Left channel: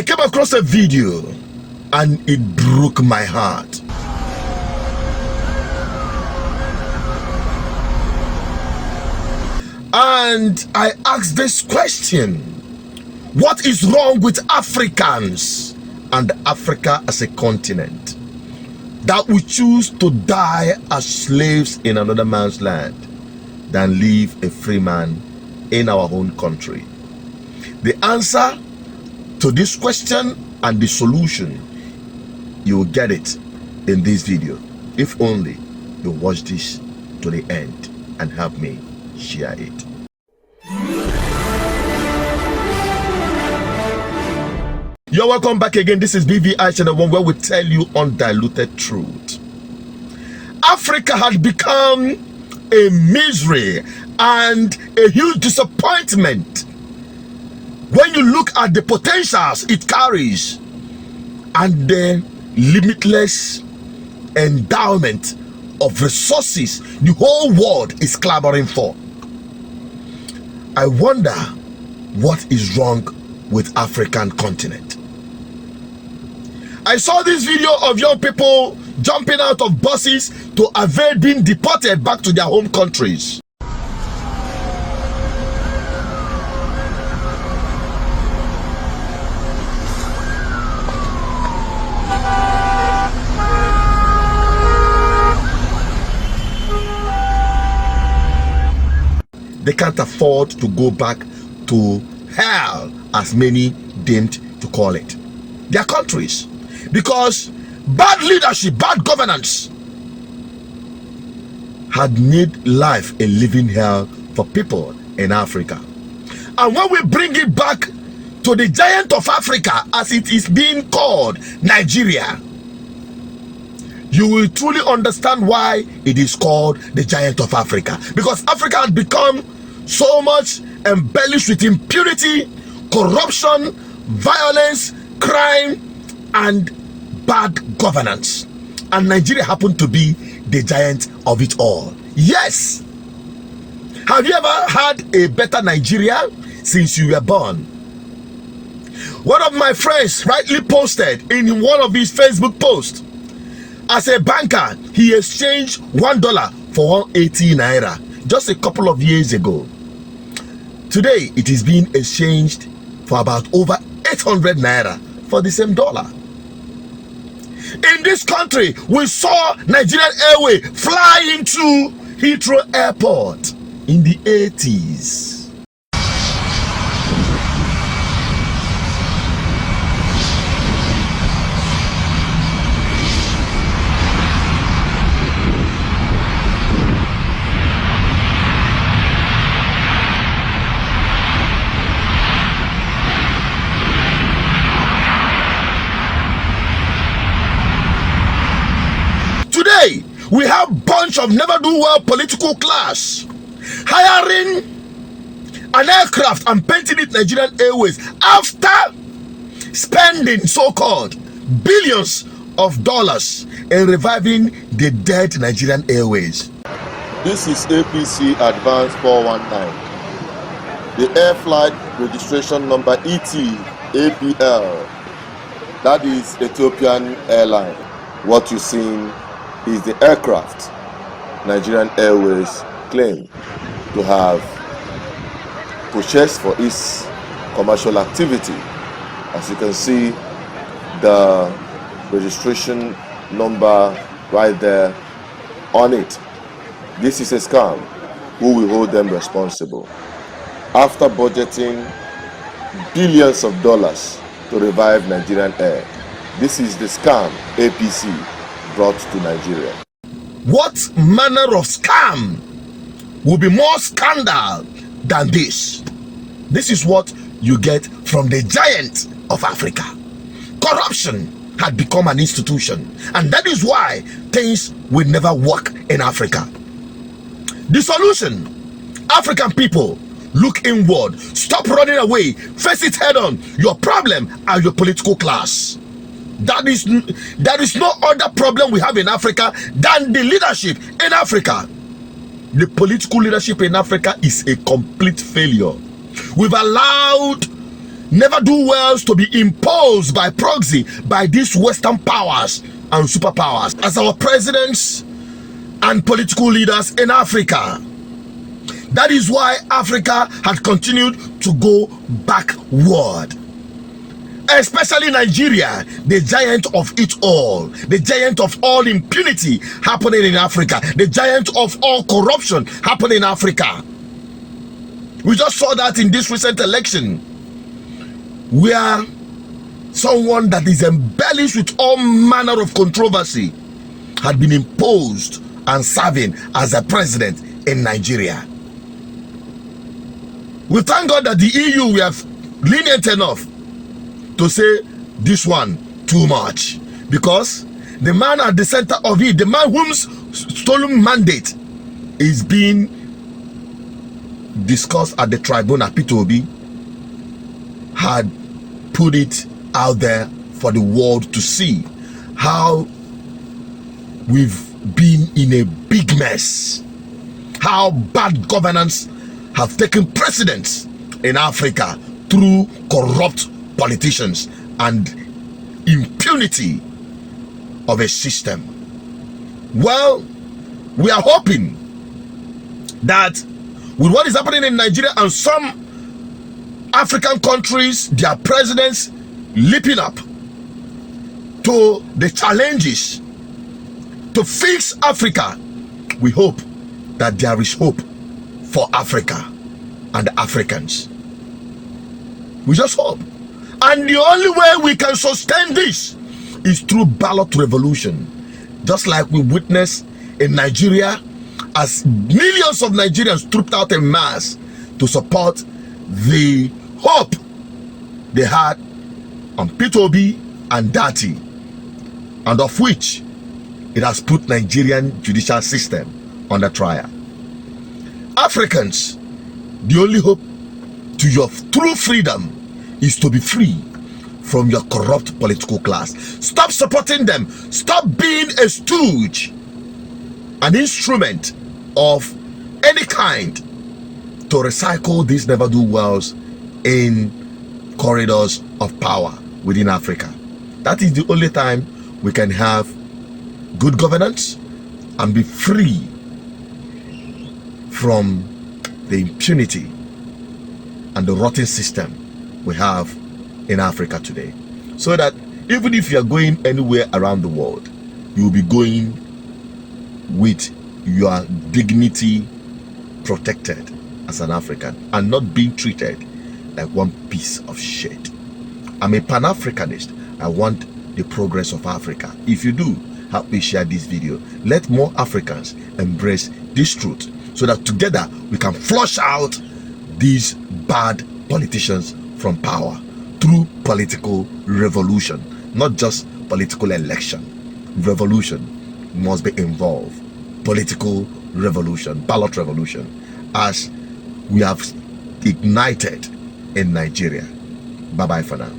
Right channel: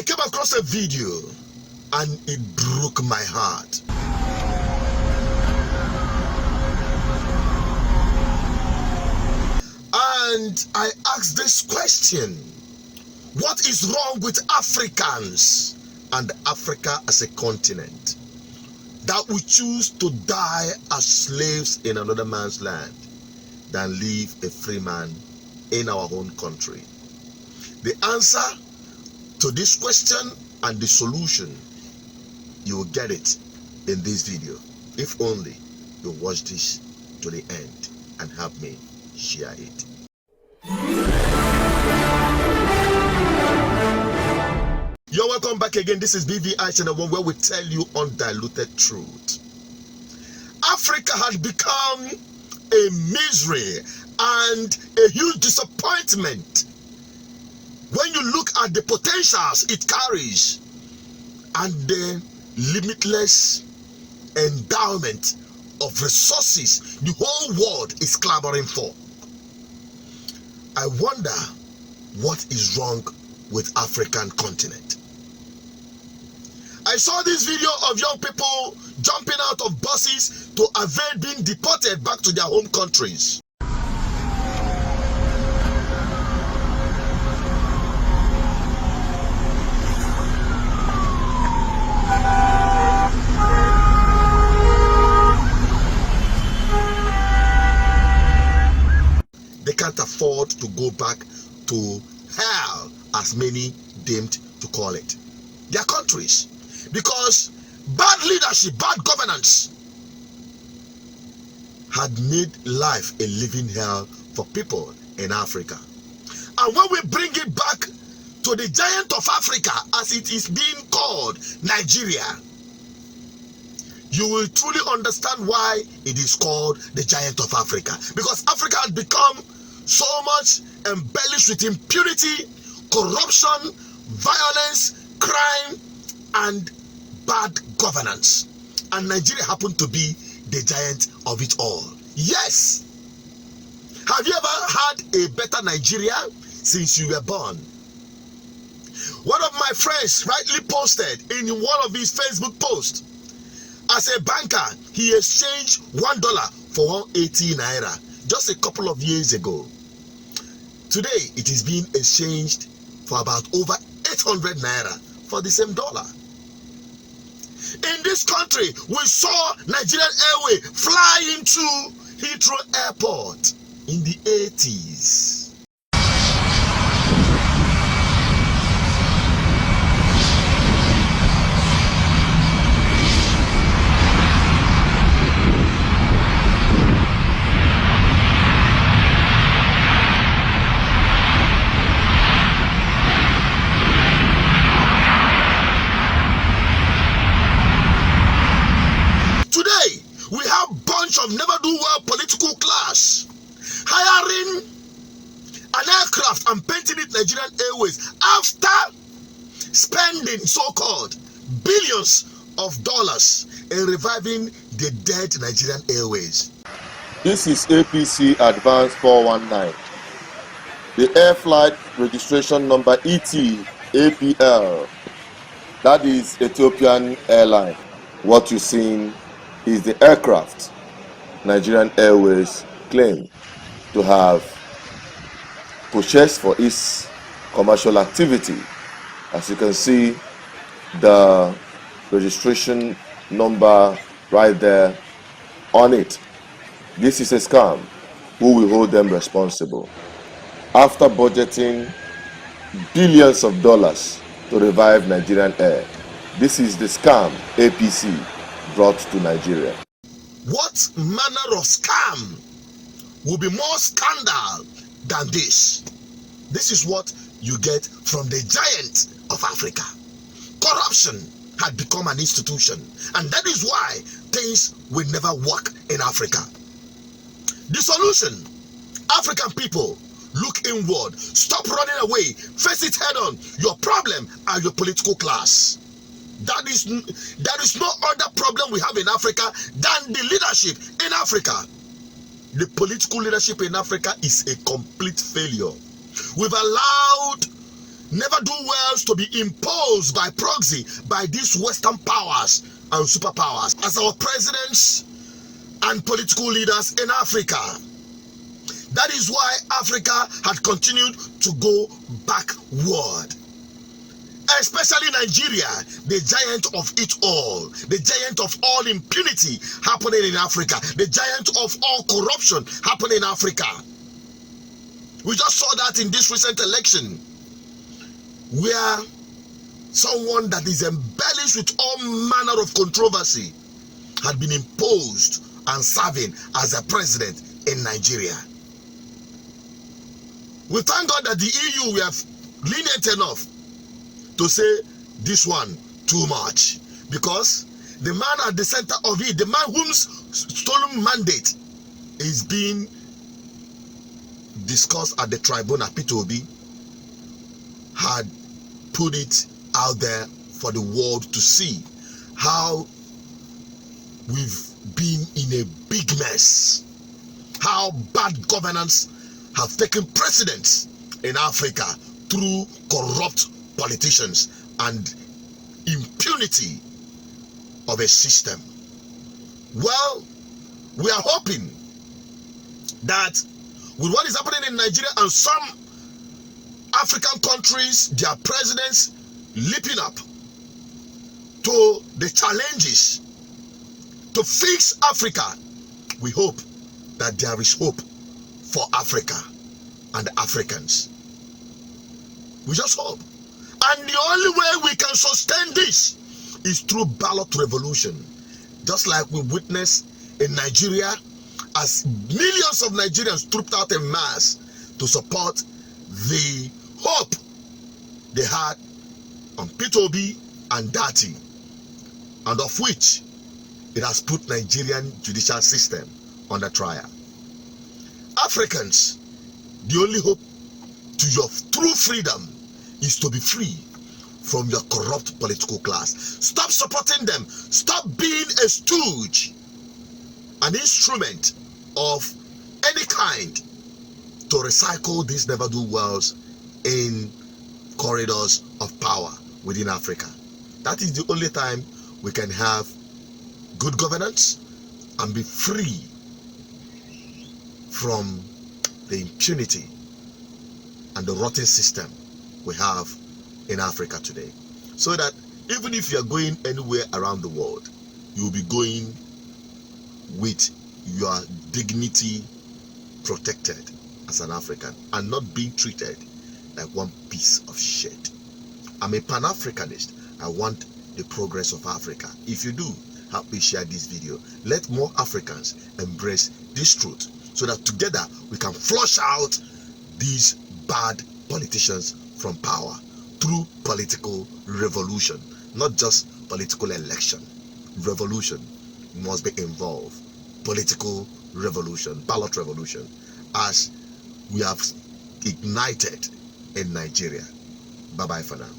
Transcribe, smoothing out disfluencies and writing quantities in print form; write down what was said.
I came across a video and it broke my heart. And I asked this question: what is wrong with Africans and Africa as a continent that we choose to die as slaves in another man's land than live a free man in our own country? The answer to this question and the solution, you will get it in this video, if only you watch this to the end and help me share it. You're welcome back again. This is BVI Channel 1, where we tell you undiluted truth. Africa had become a misery and a huge disappointment when you look at the potentials it carries and the limitless endowment of resources the whole world is clamoring for. I wonder what is wrong with African continent. I saw this video of young people jumping out of buses to avoid being deported back to their home countries. They can't afford to go back to hell, as many deemed to call it, their countries, because bad leadership, bad governance had made life a living hell for people in Africa. And when we bring it back to the giant of Africa, as it is being called, Nigeria, you will truly understand why it is called the giant of Africa. Because Africa had become so much embellished with impunity, corruption, violence, crime, and bad governance. And Nigeria happened to be the giant of it all. Yes. Have you ever had a better Nigeria since you were born? One of my friends rightly posted in one of his Facebook posts, as a banker, he exchanged $1 for 180 Naira just a couple of years ago. Today, it is being exchanged for about over 800 Naira for the same dollar. In this country, we saw Nigerian Airways fly into Heathrow Airport in the 80s. We have bunch of never-do-well political class hiring an aircraft and painting it Nigerian Airways after spending so-called billions of dollars in reviving the dead Nigerian Airways. This is APC Advance 419. The air flight registration number ET-APL, that is Ethiopian Airline. What you're seeing is the aircraft Nigerian Airways claim to have purchased for its commercial activity. As you can see, the registration number right there on it. This is a scam. Who will hold them responsible? After budgeting billions of dollars to revive Nigerian Air, this is the scam APC brought to Nigeria. What manner of scam will be more scandal than this? This is what you get from the giant of Africa. Corruption had become an institution, and that is why things will never work in Africa. The solution: African people, look inward, stop running away, face it head on. Your problem are your political class. There is no other problem we have in Africa than the leadership in Africa. The political leadership in Africa is a complete failure. We've allowed never-do-wells to be imposed by proxy by these Western powers and superpowers as our presidents and political leaders in Africa. That is why Africa had continued to go backward. Especially Nigeria, the giant of it all, the giant of all impunity happening in Africa, the giant of all corruption happening in Africa. We just saw that in this recent election, where someone that is embellished with all manner of controversy had been imposed and serving as a president in Nigeria. We thank God that the EU, we have lenient enough to say this one too much, because the man at the center of it, the man whose stolen mandate is being discussed at the tribunal, Peter Obi, had put it out there for the world to see how we've been in a big mess, how bad governance have taken precedence in Africa through corrupt politicians and impunity of a system. Well, we are hoping that with what is happening in Nigeria and some African countries, their presidents leaping up to the challenges to fix Africa, we hope that there is hope for Africa and Africans. We just hope. And the only way we can sustain this is through ballot revolution. Just like we witnessed in Nigeria, as millions of Nigerians trooped out en masse to support the hope they had on Peter Obi and Dati, and of which it has put Nigerian judicial system under trial. Africans, the only hope to your true freedom is to be free from your corrupt political class. Stop supporting them. Stop being a stooge, an instrument of any kind to recycle these never-do-wells in corridors of power within Africa. That is the only time we can have good governance and be free from the impunity and the rotten system we have in Africa today. So that even if you are going anywhere around the world, you will be going with your dignity protected as an African and not being treated like one piece of shit. I'm a Pan-Africanist. I want the progress of Africa. If you do, help me share this video. Let more Africans embrace this truth so that together we can flush out these bad politicians from power through political revolution, not just political election. Revolution must be involved. Political revolution, ballot revolution, as we have ignited in Nigeria. Bye-bye for now.